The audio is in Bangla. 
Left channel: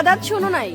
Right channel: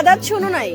দাদার শোনো নাই